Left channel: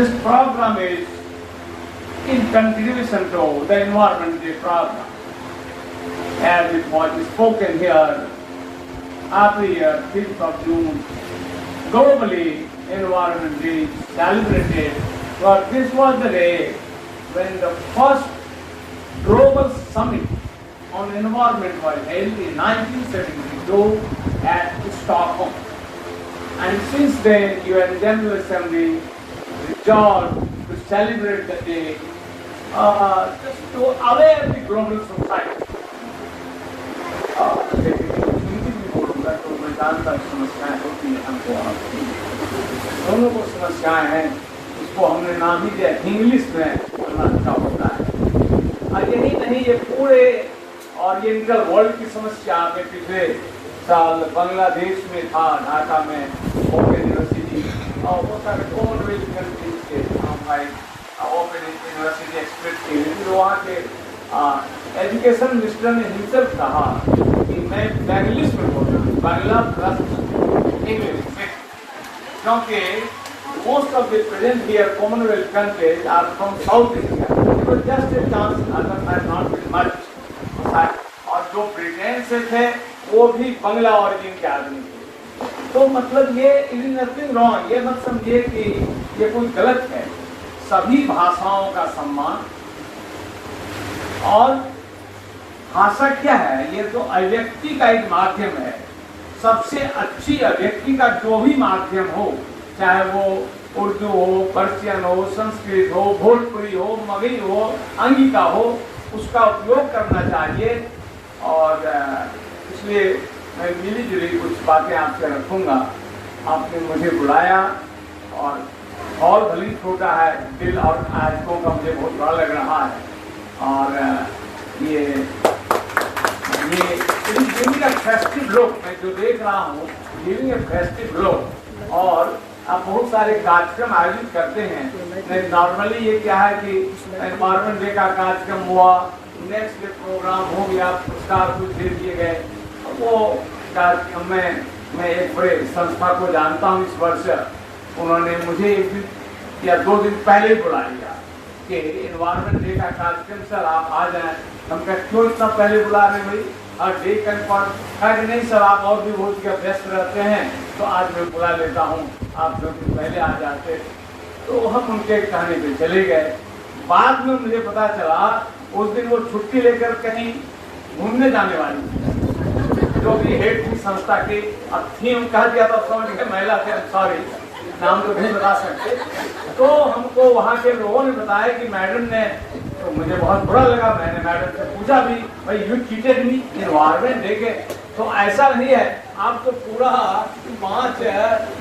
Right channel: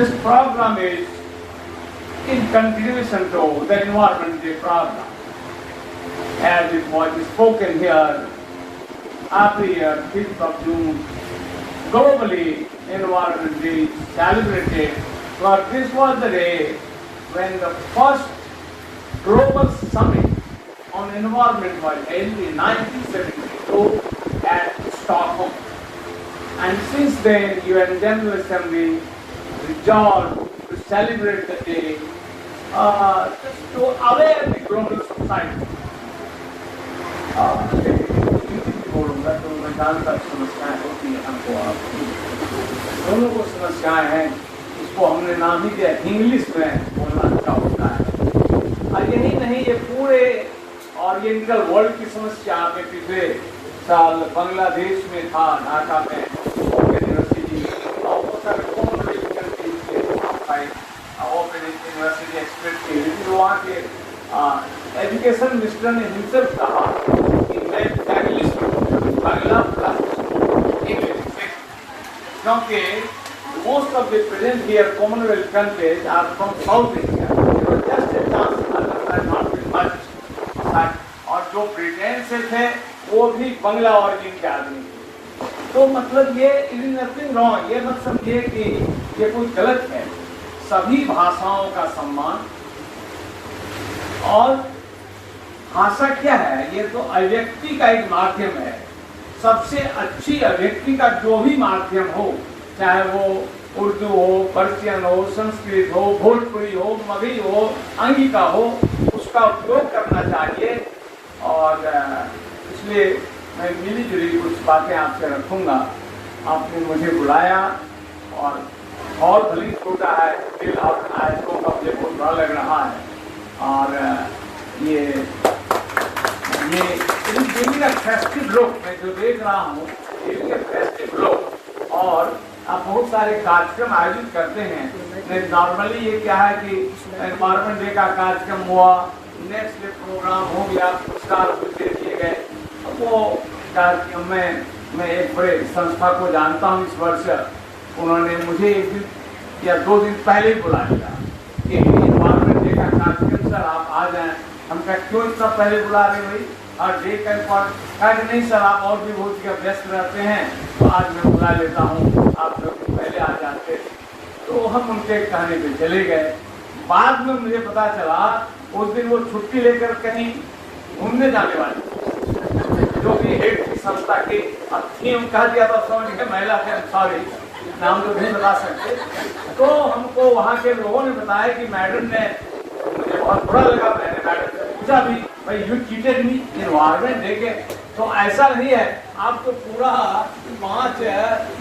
This program is in continuation to the Environment Day program. As it was spoken here, every year, 5th of June, globally, Environment Day is celebrated. But this was the day when the first global summit on environment was held in 1972 at Stockholm. And since then, UN General Assembly resolved to celebrate the day just to aware the global society. दोनों को समस्याएं हैं, उसको हमने नाम ही दिया English में लिखा होता है। और यही नहीं, ये पूरे ओरिएंटल वर्ल्ड की समस्या में पिछले साल बांग्लादेश में था, ढाका में ओपन यूनिवर्सिटी और बहुत सारे कॉमनवेल्थ कंट्रीज के ओपन यूनिवर्सिटी एक्सपर्ट थे, लेकिन वहाँ के एजुकेशन मिनिस्टर ने हिमसेल्फ कहा कि मैं इंग्लिश में बांग्ला प्लस इंग्लिश, क्योंकि most of the present here Commonwealth countries are from South India, so just a chance otherwise not much. और जो ब्रिटेन से थे वो भी बांग्ला ओरिजिन के आदमी थे। तो मतलब ये इज नथिंग रॉन्ग, ये मत समझिए कि ये कोई गलत है। सभी भाषाओं का सम्मान, और भाषा क्या है, ये तो अभिव्यक्ति का एक माध्यम है। सबसे अच्छी अभिव्यक्ति का जो भी माध्यम हो, चाहे वो उर्दू हो, पर्शियन हो, संस्कृत हो, भोजपुरी हो, मगही हो, अंगिका हो, उसका उपयोग करना चाहिए। और इसलिए मैं मिली जुली कुछ बातें आपसे रखूंगा। आपने मुझे बुलाया और भली छोटा है, दिल और आयतों का मुझे बहुत बड़ा लग रहा है। और ये फेस्टिव लोग मैं जो देख रहा हूँ, ये फेस्टिव लोग और आप बहुत सारे कार्यक्रम आयोजित करते हैं। नॉर्मली ये क्या है कि एनवायरमेंट डे का कार्यक्रम हुआ, नेक्स्ट डे प्रोग्राम हो गया, पुरस्कार कुछ दे दिए गए। वो कार्यक्रम में मैं एक बड़े संस्था को जानता हूँ, इस वर्ष उन्होंने मुझे 1 दिन या 2 दिन पहले बुलाया कि एनवायरमेंट डे का कार्यक्रम सर आप आ जाए। हम क्या क्यों इतना पहले बुला रहे भाई, और डे का नहीं सर आप और भी बहुत व्यस्त रहते हैं, तो आज मैं बुला लेता हूँ, आप लोग पहले आ जाते। तो हम उनके कहने पे चले गए। बाद में मुझे पता चला उस दिन वो छुट्टी लेकर कहीं घूमने जाने वाली, क्योंकि हेड की संस्था के अब थीम कह दिया था, समझ गए महिला थे, सॉरी नाम तो नहीं बता सकते। तो हमको वहाँ के लोगों ने बताया कि मैडम ने, मुझे बहुत बुरा लगा, मैंने मैडम से पूछा भी भाई यू चीटेड मी एनवायरमेंट देखे। तो ऐसा नहीं है, आपको पूरा मार्च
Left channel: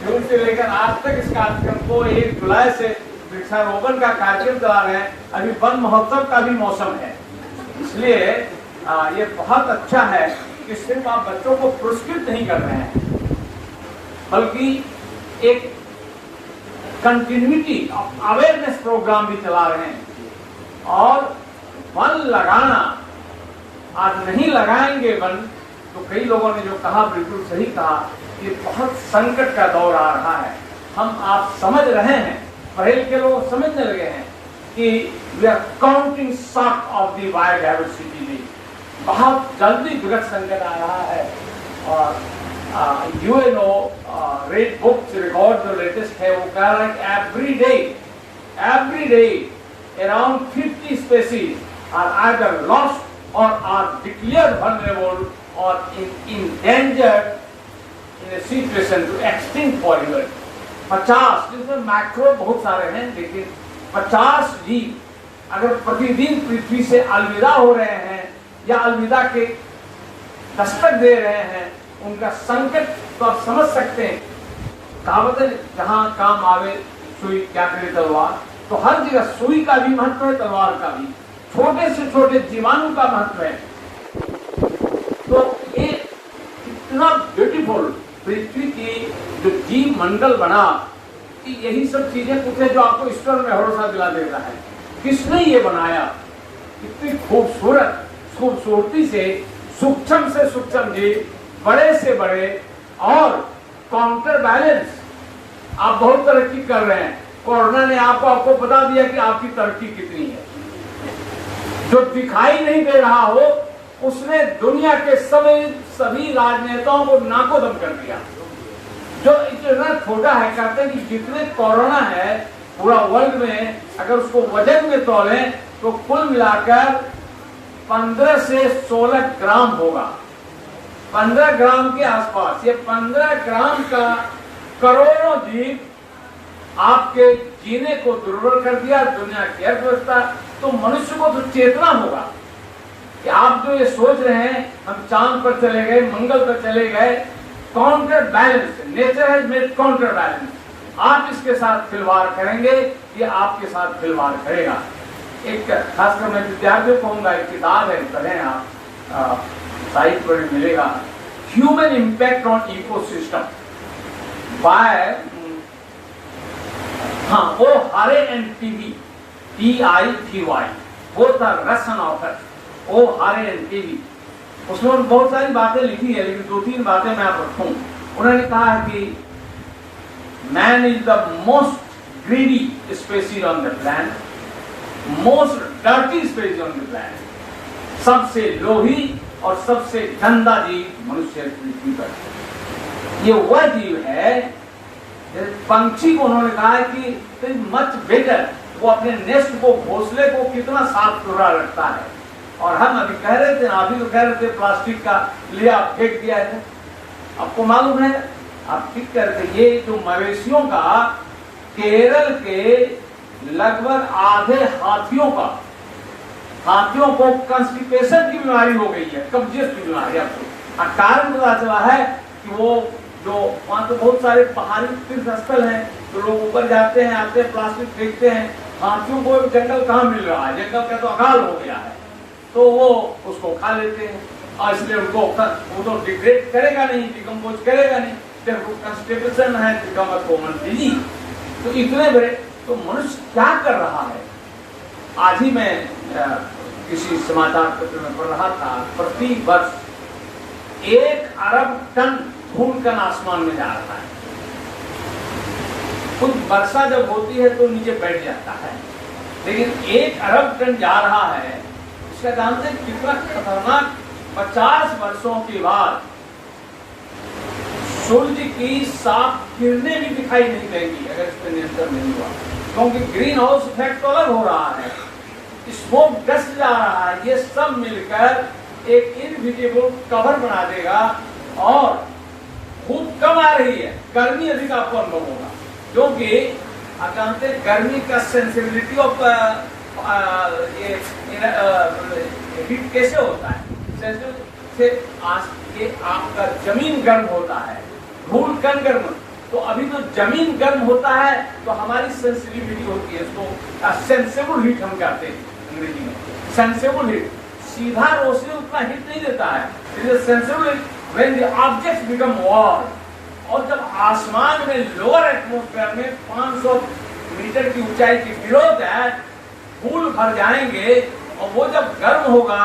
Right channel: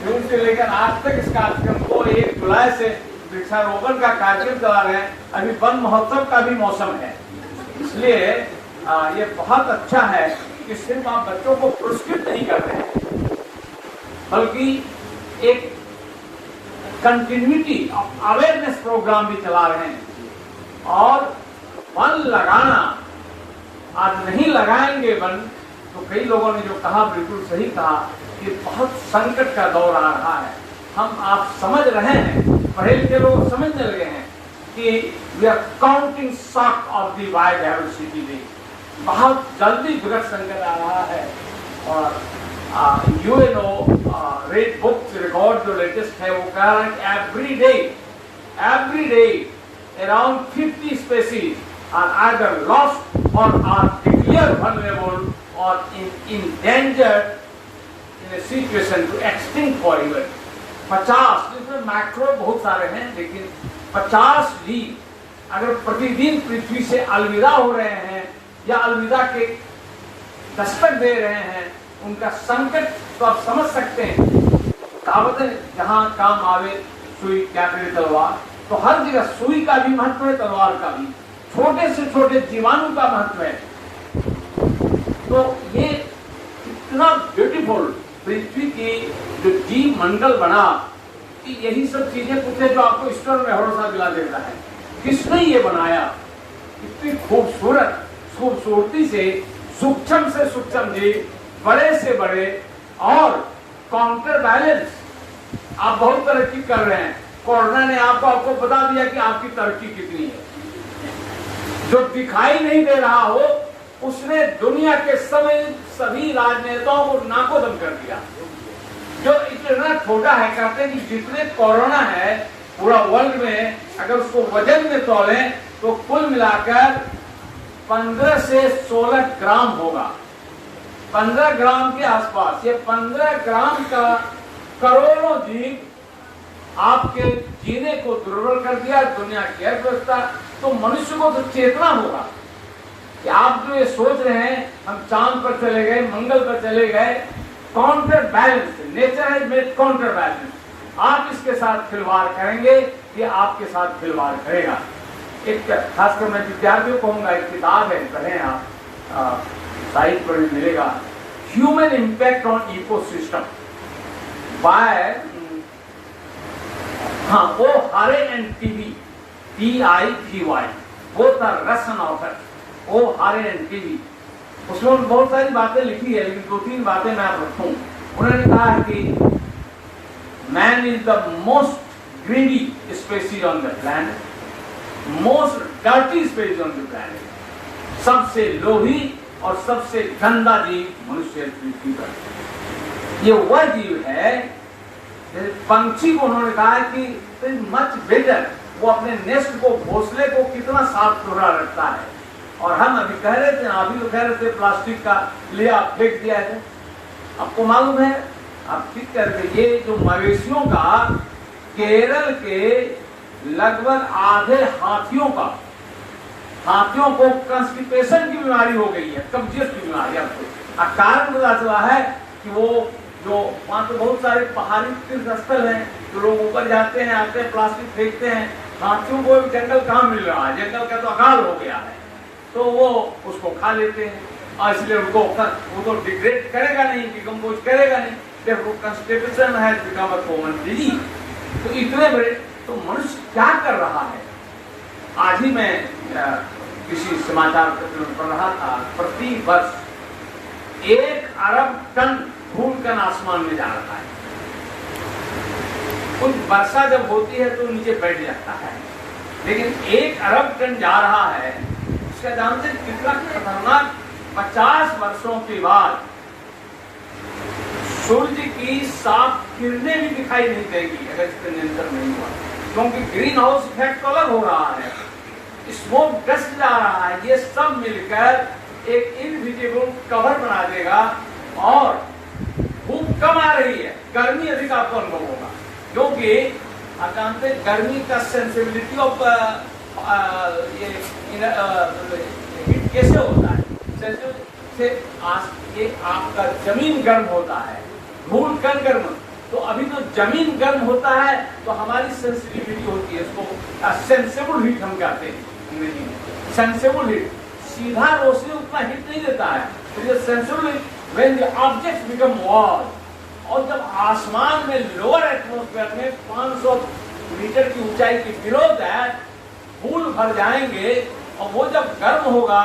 जून से लेकर आज तक इस कार्यक्रम को 1 जुलाई से वृक्षारोपण का कार्यक्रम चला रहे हैं। अभी वन महोत्सव का भी मौसम है, इसलिए ये बहुत अच्छा है कि सिर्फ आप बच्चों को पुरस्कृत नहीं कर रहे हैं, बल्कि एक कंटिन्यूटी अवेयरनेस प्रोग्राम भी चला रहे हैं। और वन लगाना, आज नहीं लगाएंगे वन, तो कई लोगों ने जो कहा बिल्कुल सही कहा कि बहुत संकट का दौर आ रहा है। हम आप समझ रहे हैं, पढ़े लिखे लोग समझने लगे हैं कि we are counting shock of the biodiversity day. बहुत जल्दी विकट संकट आ रहा है। और यूएनओ रेड बुक रिकॉर्ड जो लेटेस्ट है वो कह रहा है कि every day around 50 species are either lost or are declared vulnerable or endangered in a situation to extinct forever। 50, जिसमें मैक्रो बहुत सारे हैं, लेकिन 50 जीव अगर प्रतिदिन पृथ्वी से अलविदा हो रहे हैं या अलविदा के दस्तक दे रहे हैं, उनका संकट तो आप समझ सकते हैं। कहावत है, जहां काम आवे सुई क्या करे तलवार। तो हर जगह सुई का भी महत्व है, तलवार का भी, छोटे से छोटे जीवाणु का महत्व है। तो ये इतना ब्यूटीफुल पृथ्वी की जो जीव मंडल बना कि यही सब चीजें कुछ है जो आपको ईश्वर में भरोसा दिला देता है। किसने ये बनाया? इतनी खूबसूरती से सूक्ष्म जीव, बड़े से बड़े, और काउंटर बैलेंस। आप बहुत तरक्की कर रहे हैं, कोरोना ने आपको बता दिया कि आपकी तरक्की कितनी है। जो दिखाई नहीं दे रहा हो उसने दुनिया के सभी राजनेताओं को नाकोदम कर दिया। जो इतना छोटा है, कहते हैं कि जितने कोरोना है पूरा वर्ल्ड में, अगर उसको वजन में तोलें तो कुल मिलाकर 15 से 16 ग्राम होगा, 15 ग्राम के आसपास। ये 15 ग्राम का करोड़ों जीव आपके जीने को दुर्बल कर दिया, दुनिया की अर्थव्यवस्था। तो मनुष्य को तो चेतना होगा कि आप जो ये सोच रहे हैं हम चांद पर चले गए, मंगल पर चले गए, counter balance, nature has made counter balance. आप इसके साथ खिलवाड़ करेंगे, ये आपके साथ खिलवाड़ करेगा। एक खासकर मैं विद्यार्थियों को कहूंगा, एक किताब है, पढ़ें आप, साहित्य में मिलेगा, human impact on ecosystem by O'Hare and Tivy, TIVY, both are Russian author, O'Hare and TV. उसमें बहुत सारी बातें लिखी है, लेकिन 2-3 बातें मैं आप रखूं। उन्होंने कहा है कि man is the most greedy species on the planet, most dirty species on the planet. सबसे लोभी और सबसे गंदा जीव मनुष्य पृथ्वी पर। ये वह जीव है, पंछी को उन्होंने कहा कि मच बेटर, वो अपने नेस्ट को, घोंसले को कितना साफ सुथरा रखता है। और हम अभी कह रहे थे, अभी तो कह रहे थे प्लास्टिक का लिया फेंक दिया है। आपको मालूम है, आप ठीक कह रहे थे, ये जो मवेशियों का, केरल के लगभग आधे हाथियों को कॉन्स्टिपेशन की बीमारी हो गई है, कब्जियत की बीमारी। आपको कारण पता चला है कि वो जो वहां तो बहुत सारे पहाड़ी तीर्थ स्थल हैं, तो लोग ऊपर जाते हैं, आते हैं, प्लास्टिक फेंकते हैं। हाथियों को जंगल कहाँ मिल रहा है, जंगल का तो अकाल हो गया है, तो वो उसको खा लेते हैं। और इसलिए उनको वो तो डिग्रेड करेगा नहीं, डिकम्पोज करेगा नहीं, जब वो कॉन्स्टिपेशन है, बिकम अ कॉमन डिजीज। तो इतने बड़े, तो मनुष्य क्या कर रहा है? आज ही मैं किसी समाचार पत्र में पढ़ रहा था, प्रति वर्ष 1 अरब टन धूमकण आसमान में जा रहा है। तो वर्षा जब होती है तो नीचे बैठ जाता है, लेकिन 1 अरब टन जा रहा है। इसका जानते हैं कितना खतरनाक? 50 वर्षों के बाद सूर्य की साफ किरणें भी दिखाई नहीं देगी अगर इसका नियंत्रण नहीं हुआ, क्योंकि ग्रीन हाउस इफेक्ट अलग हो रहा है, स्मोक डस्ट जा रहा है। ये सब मिलकर एक इनविजिबल कवर बना देगा और धूप कम आ रही है, गर्मी अधिक आपको अनुभव होगा। क्योंकि आप जानते हैं गर्मी का सेंसिटिविटी ऑफ ये हीट कैसे होता है? से ये आपका जमीन गर्म होता है, धूल कण गर्म। तो अभी तो जमीन गर्म होता है तो हमारी सेंसिटिविटी होती है, इसको सेंसेबल हीट हम कहते हैं अंग्रेजी में। सेंसेबल हीट, सीधा रोशनी उतना हीट नहीं देता है, sensible heat when the objects become warm. और जब आसमान में लोअर एटमॉस्फेयर में 500 मीटर की ऊंचाई की बिलो दैट धूल भर जाएंगे और वो जब गर्म होगा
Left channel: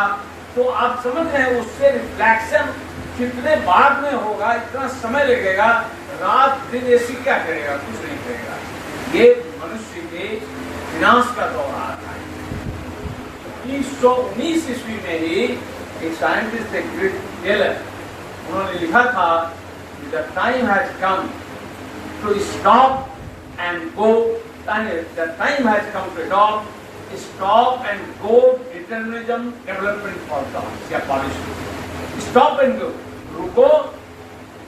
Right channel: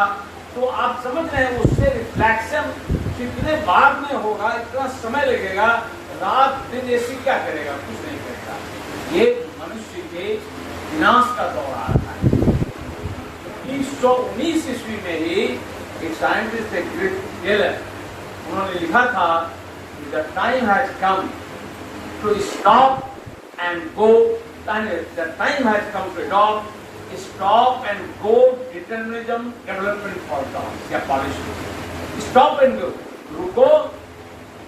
तो आप समझ रहे हैं उससे रिफ्लेक्शन कितने बाद में होगा, इतना समय लगेगा। रात दिन एसी क्या करेगा? कुछ नहीं करेगा। ये मनुष्य के विनाश का दौर आ रहा है। 1919 ईस्वी में ही एक साइंटिस्ट, एक ग्रेट टेलर, उन्होंने लिखा था the time has come to stop and go, the time has come to stop and go determinism development for the policy. Stop and go, रुको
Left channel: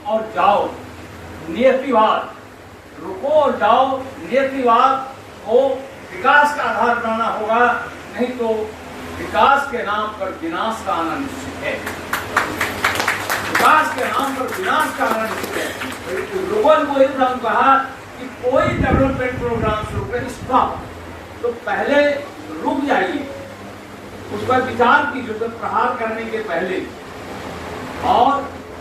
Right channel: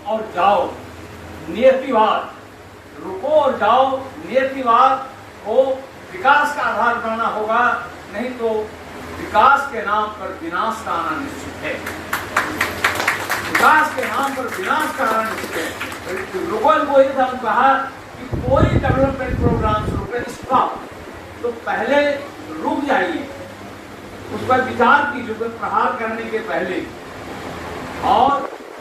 और जाओ, नियतिवाद, रुको और जाओ, नियतिवाद को विकास का आधार बनाना होगा, नहीं तो विकास के नाम पर विनाश का आना निश्चित है। विकास के नाम पर विनाश का आना निश्चित है। लोगों को ये कहा कि कोई डेवलपमेंट प्रोग्राम शुरू करें, स्टॉप, तो पहले रुक जाइए, उस पर विचार कीजिए प्रहार करने के पहले, और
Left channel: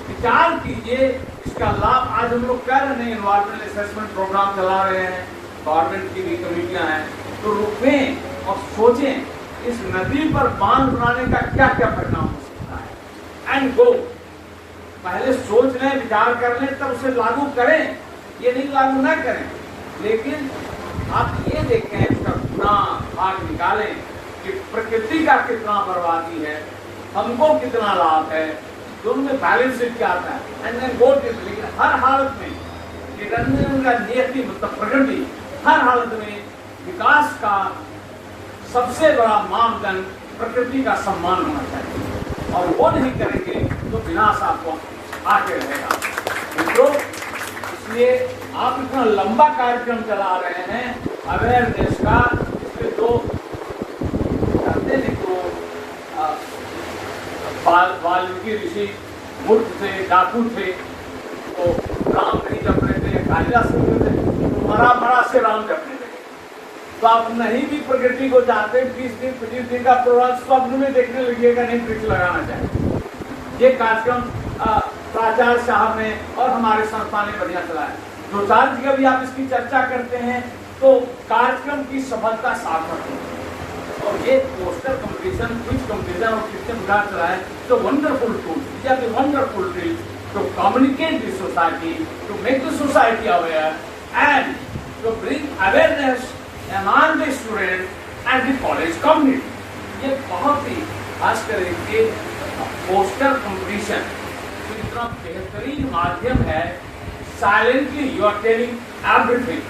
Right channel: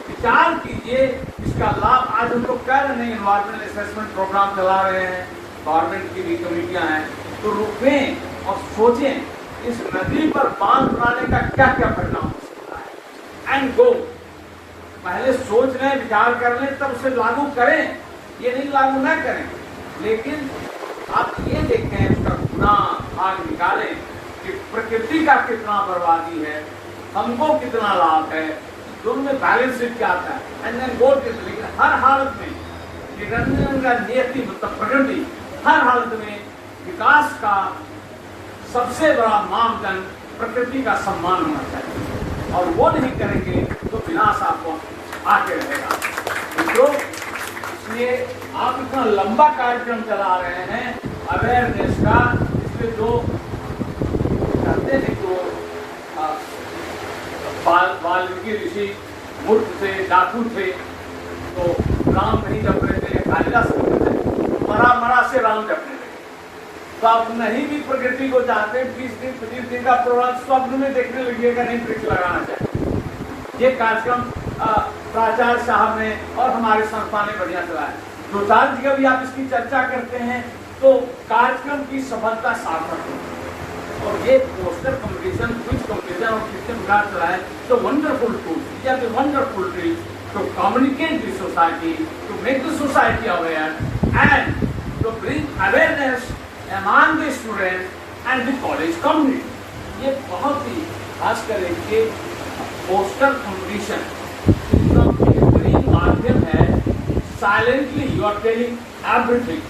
विचार कीजिए इसका लाभ। आज हम लोग कर रहे हैं, इन्वायरमेंट असेसमेंट प्रोग्राम चला रहे हैं, गवर्नमेंट की भी कमेटियां हैं, तो रुकें और सोचें इस नदी पर बांध बनाने का क्या क्या परिणाम हो सकता है। एंड गो, पहले सोच लें, विचार कर लें, तब उसे लागू करें। ये नहीं लागू न करें, लेकिन आप ये देखें, इसका गुना भाग निकालें कि प्रकृति का कितना बर्बादी है, हमको कितना लाभ है, दोनों में बैलेंस क्या आता है। एंड देन गो टू, लेकिन हर हालत में निरंजन का नियति मतलब प्रकृति हर हालत में विकास का सबसे बड़ा मानदंड प्रकृति का सम्मान होना चाहिए, और वो नहीं करेंगे तो विनाश आपको आके रहेगा। तो इसलिए आप इतना लंबा कार्यक्रम चला रहे हैं अवेयरनेस का, इसके जो कहते हैं को वाल्मीकि ऋषि मूर्ख थे, डाकू थे, तो राम नहीं जपने थे, राजा से मरा से राम जपने थे। तो आप नहीं भी प्रकृति को चाहते, 20 दिन 25 दिन का प्रोग्राम स्वप्न में देखने लगिएगा, नहीं वृक्ष लगाना चाहिए। ये कार्यक्रम प्राचार्य साहब ने और हमारे संस्था ने बढ़िया चलाया। जोचाल जी का भी आप इसकी चर्चा करते हैं तो कार्यक्रम की सफलता सार्थक है। और ये पोस्टर कम्पिटिशन, क्विज कम्पिटिशन और सिस्टम विकास चलाए तो वंडरफुल टूल, या तो wonderful tool to communicate the society, to make the society aware and to bring awareness among the student and the college community। ये बहुत ही खास करके पोस्टर कॉम्पिटिशन बेहतरीन माध्यम है। Silently you are telling everything,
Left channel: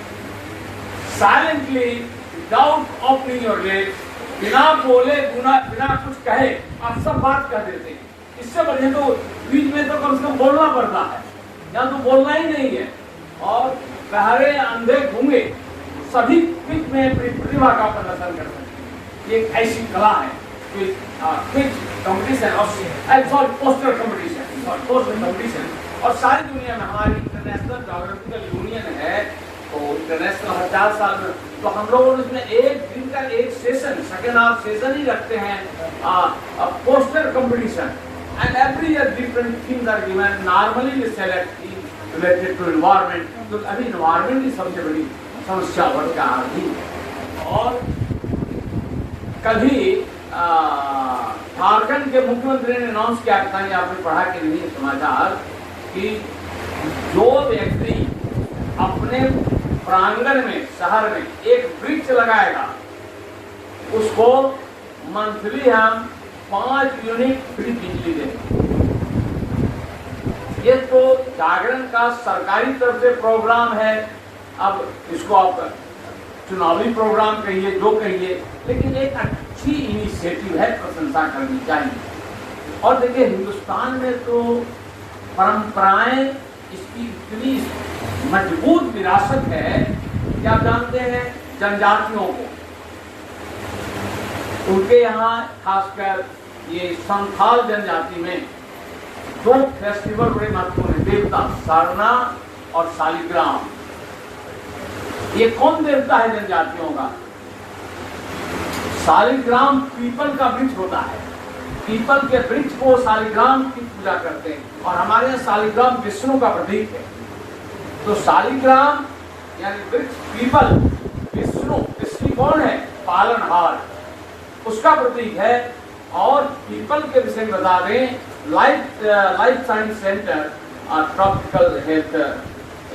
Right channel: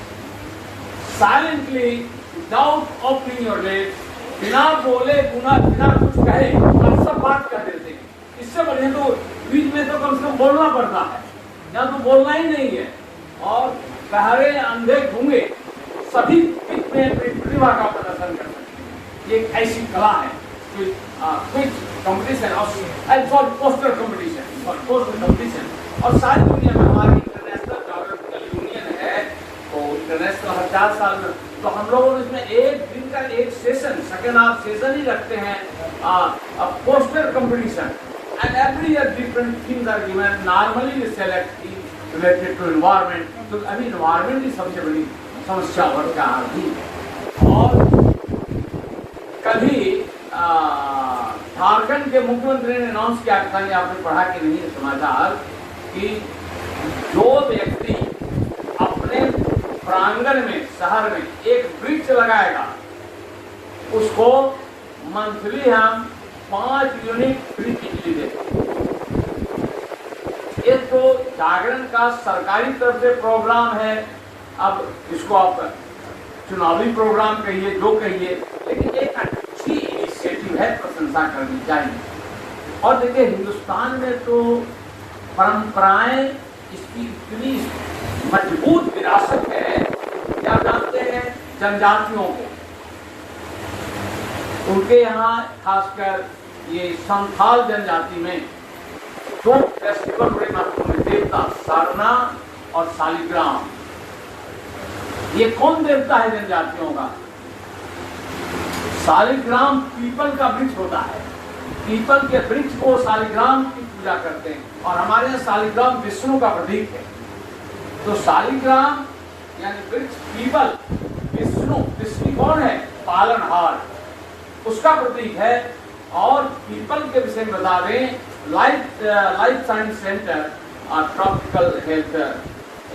silently without opening your lips, बिना बोले बिना कुछ कहे आप सब बात कर देते हैं। इससे बढ़िया तो बीच में तो कम से कम बोलना पड़ता है, या तो बोलना ही नहीं है। और बहरे अंधे गूंगे सभी प्रतिभा का प्रदर्शन करते हैं। ये ऐसी कला है। क्विज कॉम्पिटिशन और पोस्टर कॉम्पिटिशन और सारी दुनिया में हमारी इंटरनेशनल जोग्राफिकल यूनियन है, तो इंटरनेशनल हर 4 साल में, तो हम लोग उसमें एक दिन का एक सेशन, सेकेंड हाफ सेशन ही रखते हैं poster competition. And every year different themes are given. Normally we select theme related to environment, तो अभी एनवायरमेंट की सबसे बड़ी समस्या बढ़ता आ रही। और कभी झारखंड के मुख्यमंत्री ने अनाउंस किया था, आपने पढ़ा कि नहीं समाचार, कि जो व्यक्ति अपने प्रांगण में शहर में एक वृक्ष लगाएगा उसको मंथली हम 5 यूनिट फ्री बिजली देगा। ये तो जागरण का सरकारी तरफ से प्रोग्राम है। अब इसको आप चुनावी प्रोग्राम कहिए, जो कहिए, लेकिन एक अच्छी इनिशिएटिव है, प्रशंसा करनी चाहिए। और देखिए हिंदुस्तान में तो परंपराएं इसकी इतनी मजबूत विरासत है। क्या जानते हैं जनजातियों को, उनके यहाँ खासकर ये संथाल जनजाति में 2 फेस्टिवल बड़े महत्वपूर्ण, देवता सरना और शालिग्राम। ये कौन देवता है जनजातियों का? शालिग्राम पीपल का वृक्ष होता है, पीपल के वृक्ष को शालिग्राम की पूजा करते हैं। और हमारे यहाँ शालिग्राम विष्णु का प्रतीक है। तो शालिग्राम यानी वृक्ष पीपल, विष्णु कौन है? पालनहार, उसका प्रतीक है। और पीपल के विषय में बता दें, लाइफ साइंस सेंटर और ट्रॉपिकल हेल्थ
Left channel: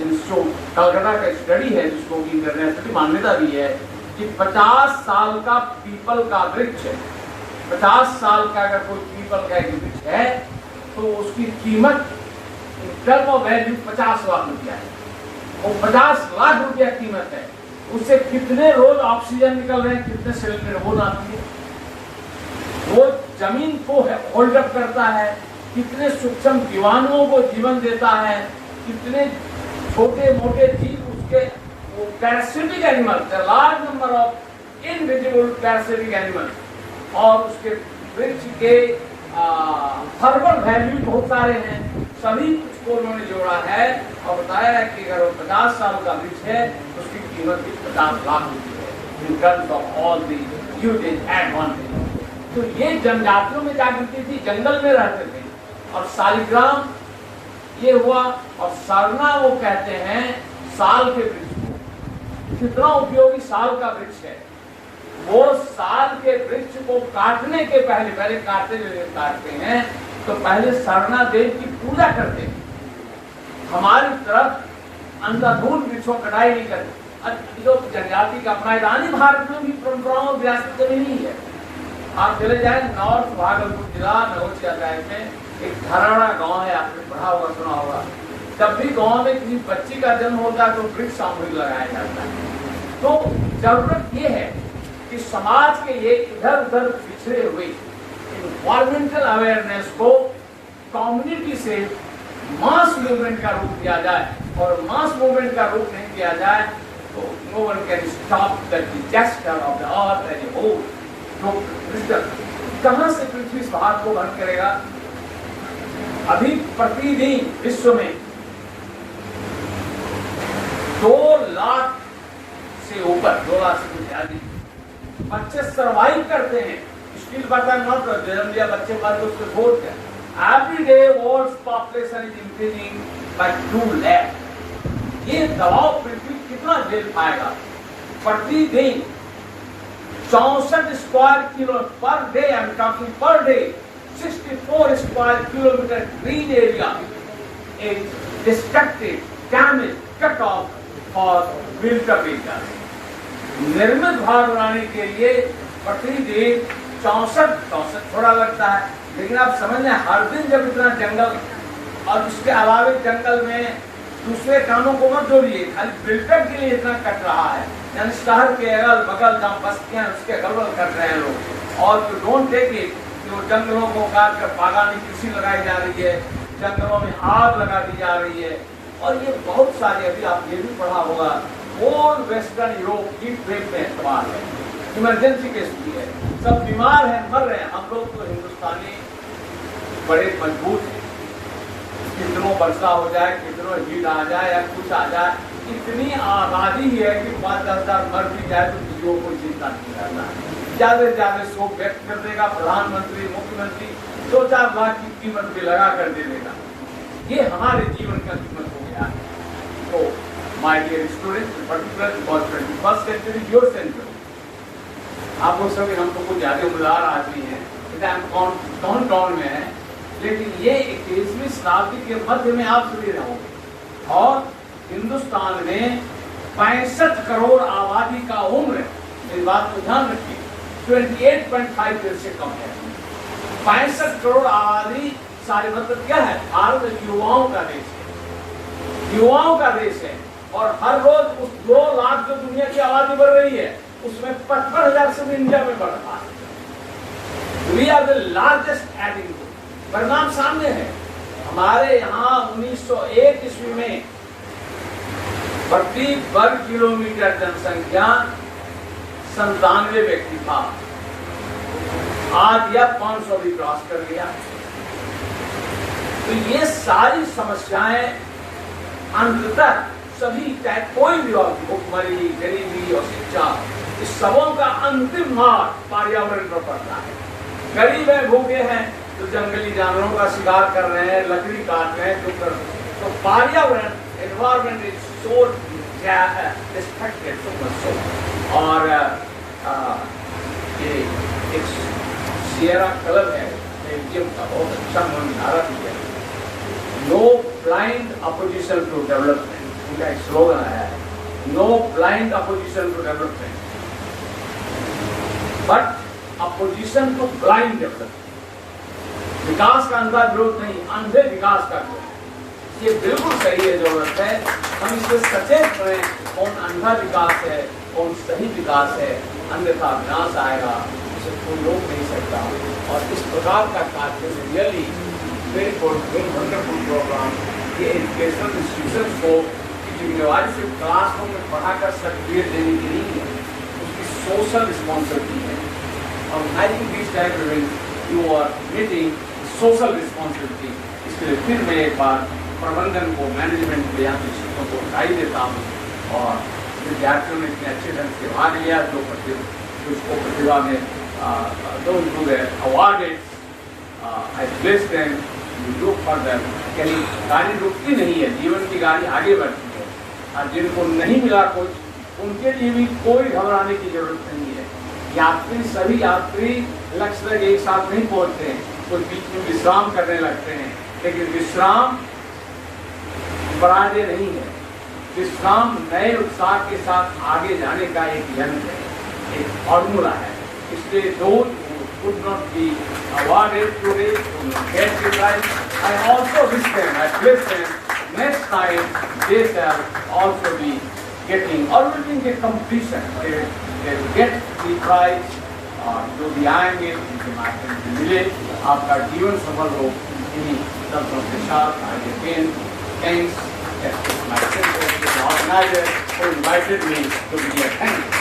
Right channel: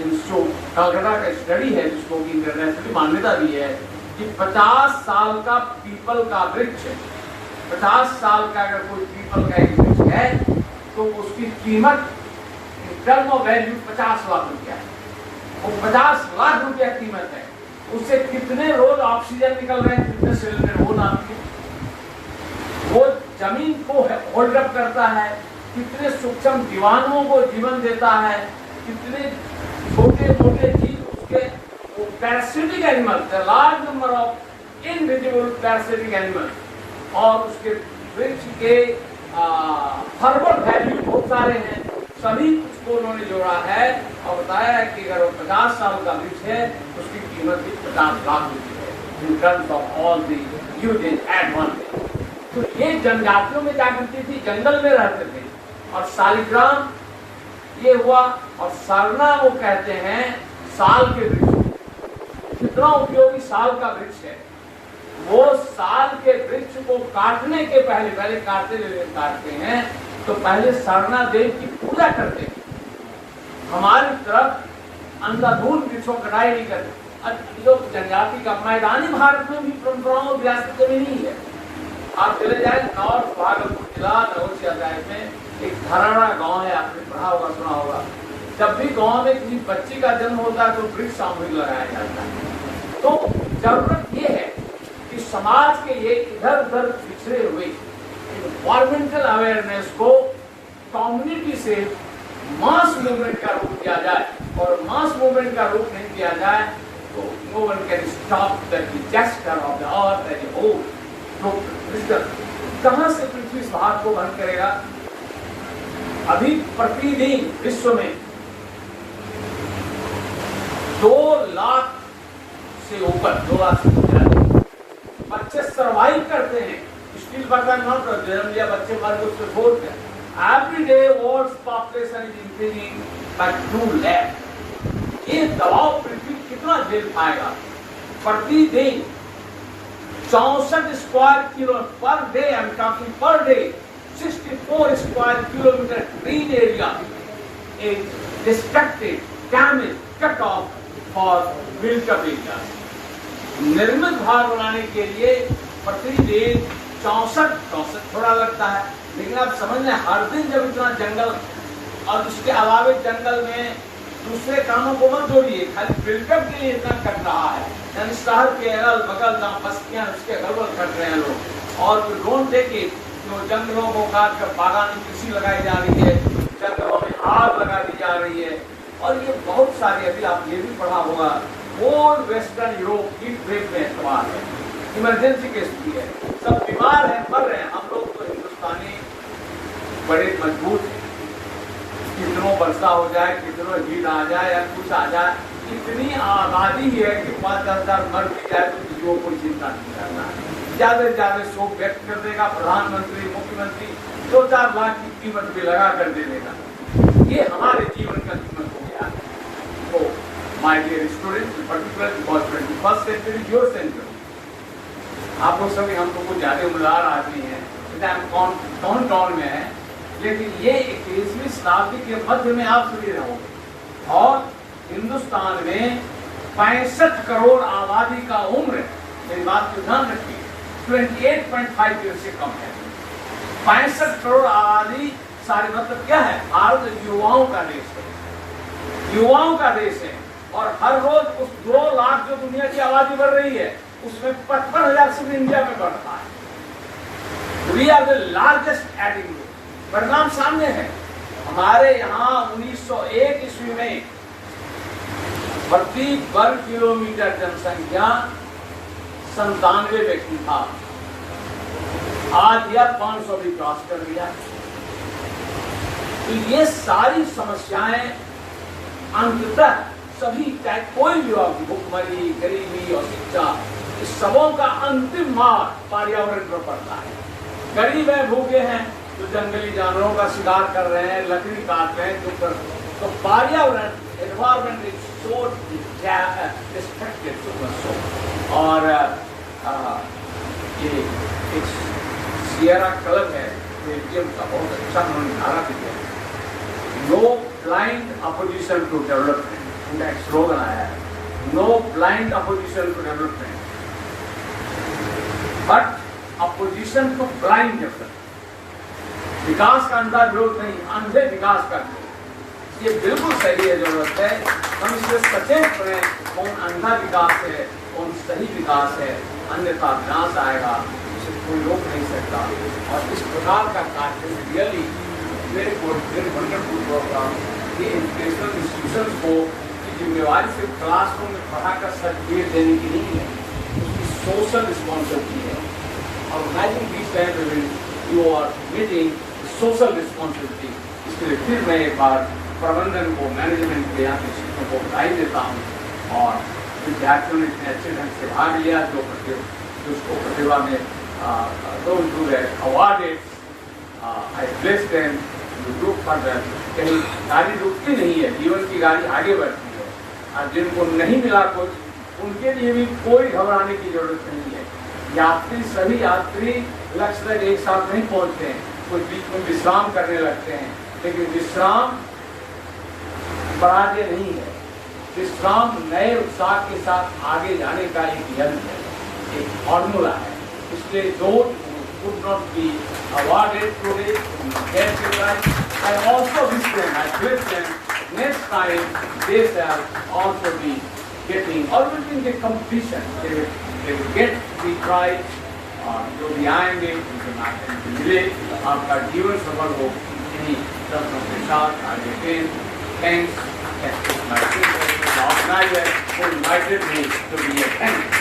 इंस्टीट्यूट कलकत्ता का स्टडी है, जिसको इंटरनेशनल मान्यता दी है कि 50 साल का पीपल का वृक्ष, 50 साल का अगर कोई पीपल का एक वृक्ष है तो उसकी कीमत टर्म ऑफ वैल्यू 50 लाख रुपया है। वो 50 लाख रुपया कीमत है। उससे कितने रोज ऑक्सीजन निकल रहे हैं, कितने सिलेंडर हो नाम, वो जमीन को होल्ड अप करता है, कितने सूक्ष्म जीवाणुओं को जीवन देता है, कितने छोटे मोटे जीव उसके parasitic animals, large number of invisible parasitic animals. और उसके वृक्ष के हर्बल वैल्यू बहुत सारे हैं, सभी को उन्होंने जोड़ा है और बताया है कि अगर 50 साल का वृक्ष है उसकी कीमत 50 लाख रुपये है in terms of all the usages advantage. तो ये जनजातियों में जागृति थी, जंगल में रहते थे। और शालिग्राम ये हुआ। और सरना वो कहते हैं साल के वृक्ष, कितना उपयोगी साल का वृक्ष है। वो साल के वृक्ष को काटने के पहले काटते हैं तो पहले सरना देव की पूजा करते हैं। हमारी तरफ अंधाधुंध वृक्षों कटाई नहीं करते, लोग जनजाति का मैदानी भारत में भी परंपराओं विरासत में नहीं है। आप चले जाए नॉर्थ भागलपुर जिला नौसिया साइड में एक धराड़ा गांव है, आपने पढ़ा होगा, सुना होगा। जब भी गांव में किसी बच्ची का जन्म होता है तो वृक्ष सामूहिक लगाया जाता है। तो जरूरत ये है कि समाज के ये इधर उधर पिछड़े हुए इन्वायरमेंटल अवेयरनेस को कम्युनिटी से मास मूवमेंट का रूप दिया जाए, और मास मूवमेंट का रूप नहीं किया जाए तो no one can stop the disaster of the earth and whole. तो कहां से पृथ्वी इस भाग को वहन करेगा? अभी प्रतिदिन विश्व में 2 लाख से ऊपर 2 लाख से ज्यादा बच्चे सर्वाइव करते हैं। स्टिल बटन नॉट जन्म लिया बच्चे बाद उसको छोड़ दिया। Every day world's population is increasing by 2 lakh। ये दबाव पृथ्वी कितना झेल पाएगा? प्रतिदिन 64 square kilo per day, I am talking per day, 64 square kilometre green area is destructed, damaged, cut off for built-up area। निर्मित भार बनाने के लिए प्रतिदिन 64 थोड़ा लगता है, लेकिन आप समझ लें हर दिन जब इतना जंगल, और इसके अलावा जंगल में दूसरे कामों को मत जोड़िए, खाली बिल्डअप के लिए इतना कट रहा है। यानी शहर के अगल बगल जहाँ बस्तियां उसके अगल बगल कट रहे हैं लोग, और डोंट टेक इट, जो जंगलों को काट कर बागान में कृषि लगाई जा रही है, जंगलों में आग लगा दी जा रही है, और ये बहुत सारे, अभी आप ये भी पढ़ा होगा, whole western Europe heat wave में इस्तेमाल है, इमरजेंसी केस भी है, सब बीमार हैं, मर रहे हैं। हम लोग तो हिंदुस्तानी बड़े मजबूत हैं, कितनों वर्षा हो जाए, कितनों हीट आ जाए या कुछ आ जाए, इतनी आबादी है कि 5-10 हजार मर भी जाए तो किसी को कोई चिंता नहीं करना। ज्यादा से ज्यादा शोक व्यक्त कर देगा प्रधानमंत्री, मुख्यमंत्री, 2-4 लाख की कीमत भी लगा कर दे देगा। ये हमारे जीवन का कीमत हो गया है। तो my dear student, particular because 21st century your century, आप लोग सभी, हम तो कुछ ज्यादा उदार आदमी है, टॉन में है, लेकिन ये 21वीं शताब्दी के मध्य में आप सभी रहो, और हिंदुस्तान में 65 करोड़ आबादी का उम्र, मेरी बात को ध्यान रखिए, 28.5 ईयर से कम है। 65 करोड़ आबादी, सारे मतलब क्या है? भारत युवाओं का देश है, युवाओं का देश है, और हर रोज उस 2 लाख जो दुनिया की आबादी बढ़ रही है, उसमें 55,000 से भी इंडिया में बढ़ रहा है। We are the largest adding. परिणाम सामने है। हमारे यहाँ 1901 ईस्वी में प्रति वर्ग किलोमीटर जनसंख्या 97 व्यक्ति था, आज यह 500 भी क्रॉस कर गया। तो ये सारी समस्याएं अंततः सभी, चाहे कोई भी हो, भुखमरी, गरीबी और शिक्षा, इस सबों का अंतिम मार पर्यावरण पर पड़ता है। गरीब है, भूखे हैं, तो जंगली जानवरों का शिकार कर रहे हैं, लकड़ी काट रहे हैं, तो पर्यावरण, एनवायरमेंट इज सो डिस्ट्रक्टेड। और ये एक सियरा क्लब है बेल्जियम का, बहुत अच्छा उन्होंने नारा दिया, no blind opposition to development, इनका एक स्लोगन आया है, no blind opposition to development but opposition to blind development. विकास का अंधा विरोध नहीं, अंधे विकास का विरोध। ये बिल्कुल सही है, जरूरत है हम इसे सचेत करें, कौन अंधा विकास है, कौन सही विकास है, अन्यथा विनाश आएगा, इसे कोई रोक नहीं सकता। और इस प्रकार का कार्य रियली वेरी वंडरफुल प्रोग्राम, ये एजुकेशनल इंस्टीट्यूशन को जिम्मेवारी से क्लासरूम में पढ़ाकर सर्टिफिकेट देने की नहीं है, उसकी सोशल रिस्पॉन्सिबिलिटी है। अब हाइजिंग this time you are meeting social responsibility. इसके लिए फिर मैं एक बार प्रबंधन को, मैनेजमेंट को, यहाँ के शिक्षकों को बधाई देता हूँ, और विद्यार्थियों ने इतने अच्छे ढंग से भाग लिया, जो उसको प्रतिभा में awarded, I place them to look further. कहीं गाड़ी रुकती नहीं है, जीवन की गाड़ी आगे बढ़ती है, और जिनको नहीं मिला कुछ, उनके लिए भी कोई घबराने की जरूरत नहीं है। यात्री, सभी यात्री लक्ष्य तक एक साथ नहीं पहुंचते हैं, कुछ बीच में विश्राम करने लगते हैं, लेकिन विश्राम बराजे नहीं है। विश्राम नए उत्साह के साथ आगे जाने का एक यंत्र है, एक फॉर्मूला है। इसलिए those who could not be awarded today get the prize. I also wish them, I wish them next time they shall also be getting or within the competition. They will get the prize और जो भी आएंगे उनके माध्यम से मिले, आपका जीवन सफल हो। इन्हीं शब्दों के साथ आगे again, thanks, my sister, the organizer who invited me to be a thank you.